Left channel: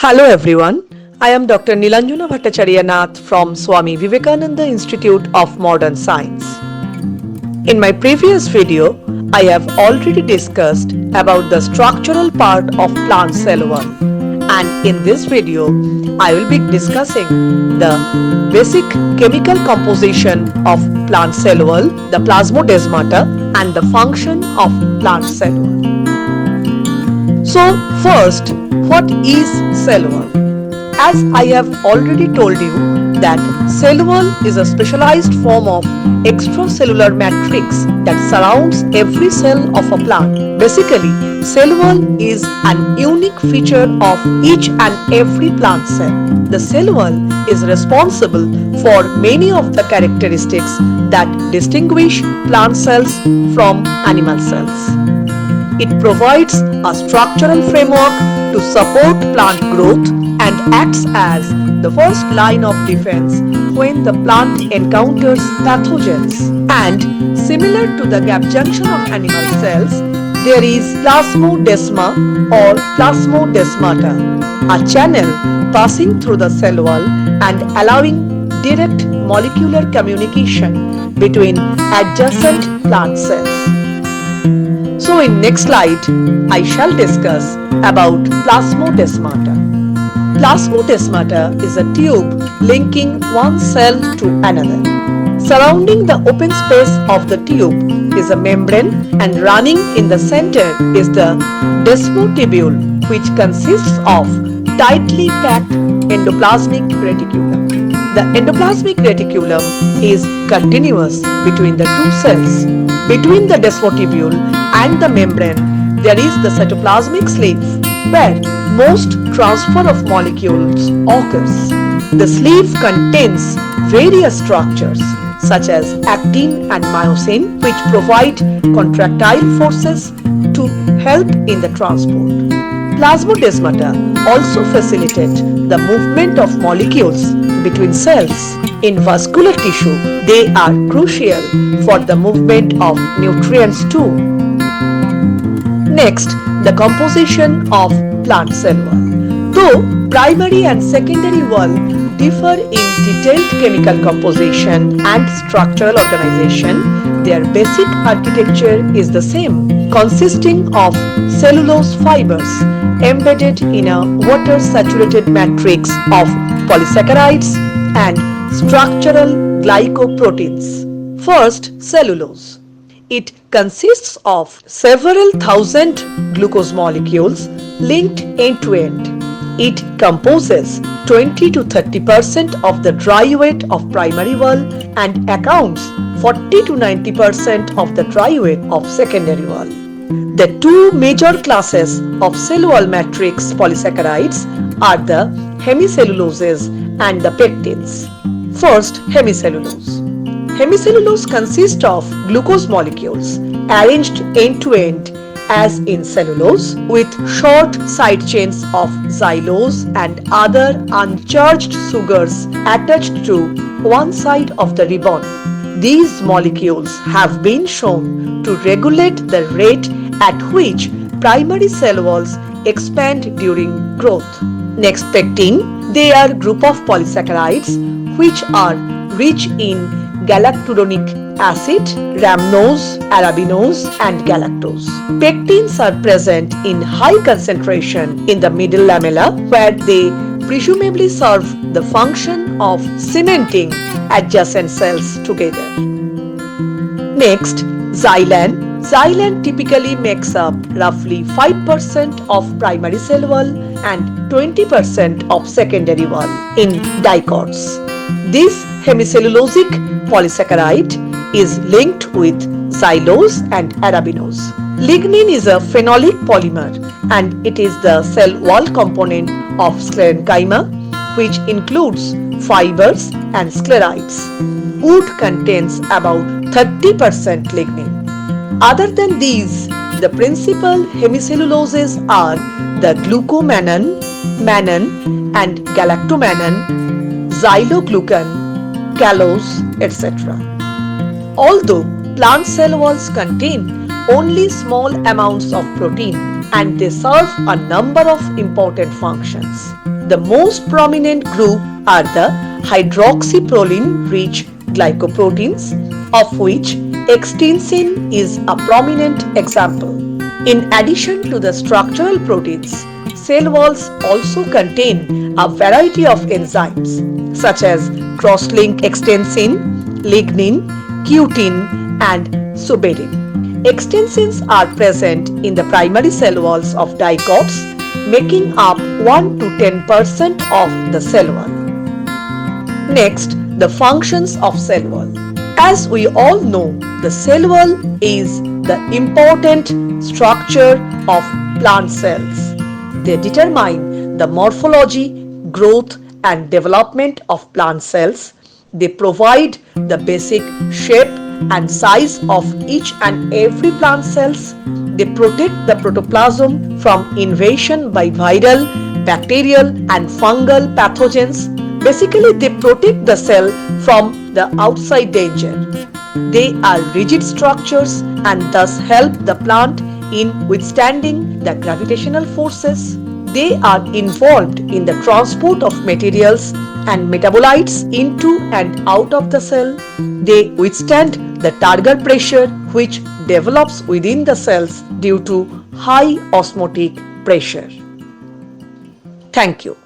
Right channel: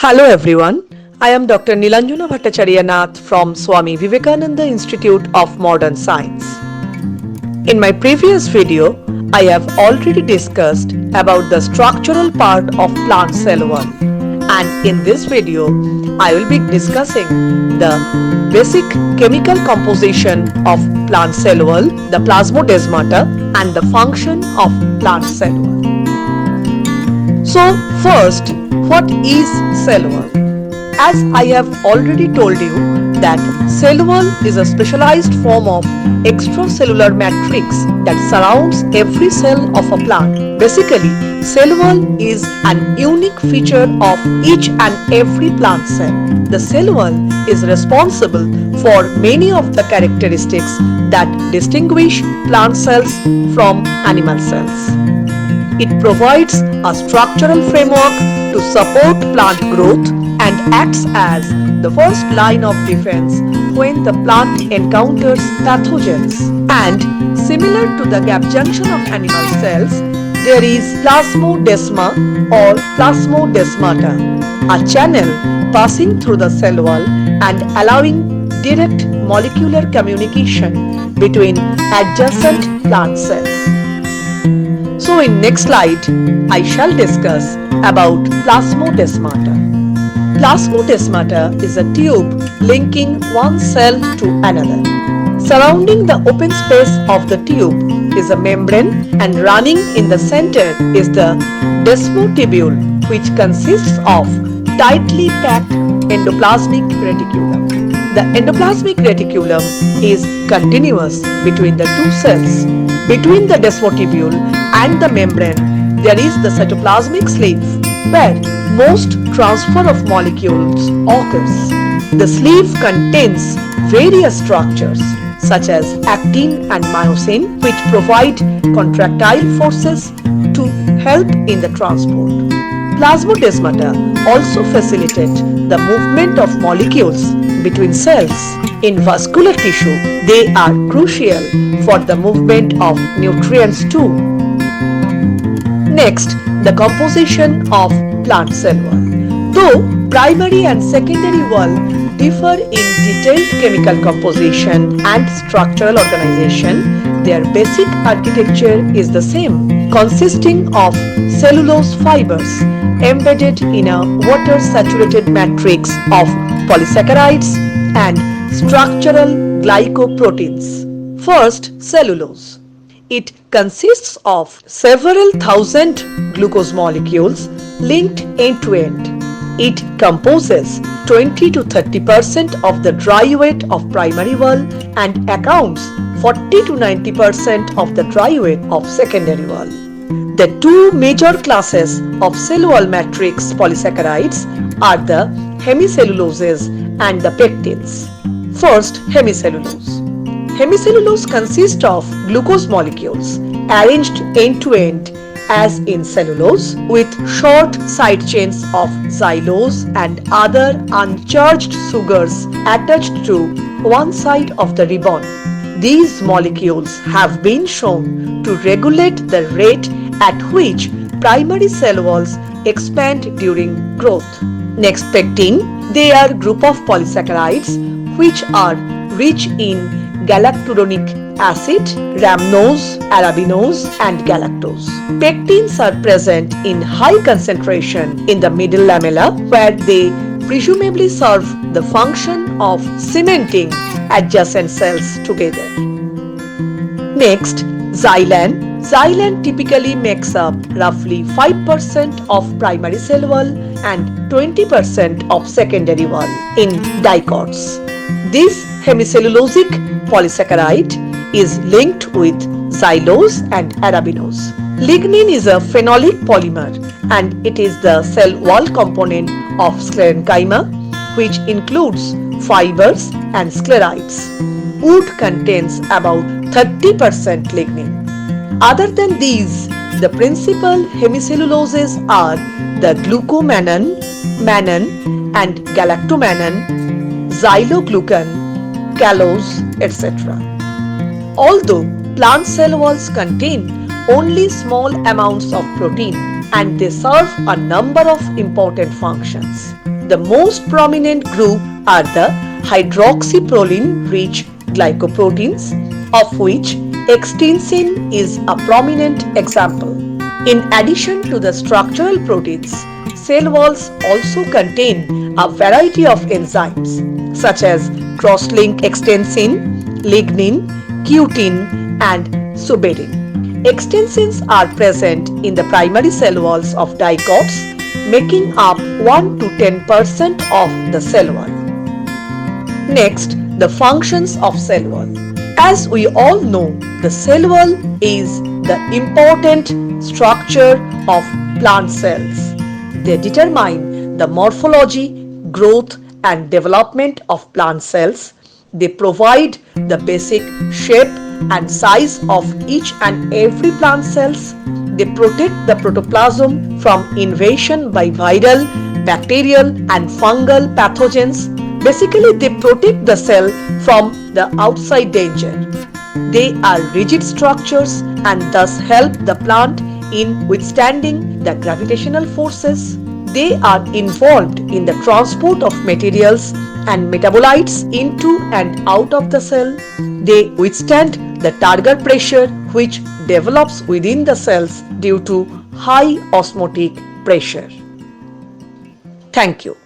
Hello everyone, I am Dr. Nilanjana Bhattacharya Nath from Swami Vivekananda Institute of Modern Science. In my previous video, I have already discussed about the structural part of plant cell wall, and in this video, I will be discussing the basic chemical composition of plant cell wall, the plasmodesmata, and the function of plant cell wall. So first, what is cell wall? As I have already told you that cell wall is a specialized form of extracellular matrix that surrounds every cell of a plant. Basically, cell wall is an unique feature of each and every plant cell. The cell wall is responsible for many of the characteristics that distinguish plant cells from animal cells. It provides a structural framework to support plant growth and acts as the first line of defense when the plant encounters pathogens. And similar to the gap junction of animal cells, there is plasmodesma or plasmodesmata, a channel passing through the cell wall and allowing direct molecular communication between adjacent plant cells. So in next slide, I shall discuss about plasmodesmata. Plasmodesmata is a tube linking one cell to another. Surrounding the open space of the tube is a membrane, and running in the center is the desmotubule, which consists of tightly packed endoplasmic reticulum. The endoplasmic reticulum is continuous between the two cells. Between the desmotubule and the membrane, there is the cytoplasmic sleeve, where most transfer of molecules occurs. The sleeve contains various structures such as actin and myosin, which provide contractile forces to help in the transport. Plasmodesmata also facilitate the movement of molecules between cells. In vascular tissue, they are crucial for the movement of nutrients too. Next, the composition of plant cell wall. Though primary and secondary wall differ in detailed chemical composition and structural organization, their basic architecture is the same, consisting of cellulose fibers embedded in a water-saturated matrix of polysaccharides and structural glycoproteins. First, cellulose. It consists of several thousand glucose molecules linked end to end. It composes 20 to 30% of the dry weight of primary wall and accounts 40 to 90% of the dry weight of secondary wall. The two major classes of cell wall matrix polysaccharides are the hemicelluloses and the pectins. First, hemicellulose. Hemicellulose consists of glucose molecules arranged end to end as in cellulose, with short side chains of xylose and other uncharged sugars attached to one side of the ribbon. These molecules have been shown to regulate the rate at which primary cell walls expand during growth. Next, pectin. They are a group of polysaccharides which are rich in galacturonic acid, rhamnose, arabinose, and galactose. Pectins are present in high concentration in the middle lamella, where they presumably serve the function of cementing adjacent cells together. Next, xylan. Xylan typically makes up roughly 5% of primary cell wall and 20% of secondary wall in dicots. This hemicellulosic polysaccharide is linked with xylose and arabinose. Lignin is a phenolic polymer, and it is the cell wall component of sclerenchyma, which includes fibers and sclerides. Wood contains about 30% lignin. Other than these, the principal hemicelluloses are the glucomannan, mannan and galactomannan, xyloglucan, callose, etc. Although plant cell walls contain only small amounts of protein and they serve a number of important functions. The most prominent group are the hydroxyproline-rich glycoproteins, of which extensin is a prominent example. In addition to the structural proteins, cell walls also contain a variety of enzymes such as cross-link extensin, lignin, cutin, and suberin. Extensins are present in the primary cell walls of dicots, making up 1 to 10% of the cell wall. Next, the functions of cell wall. As we all know, the cell wall is the important structure of plant cells. They determine the morphology, growth, and development of plant cells. They provide the basic shape and size of each and every plant cells. They protect the protoplasm from invasion by viral, bacterial, and fungal pathogens. Basically, they protect the cell from the outside danger. They are rigid structures and thus help the plant in withstanding the gravitational forces. They are involved in the transport of materials and metabolites into and out of the cell. They withstand the turgor pressure which develops within the cells due to high osmotic pressure. Thank you.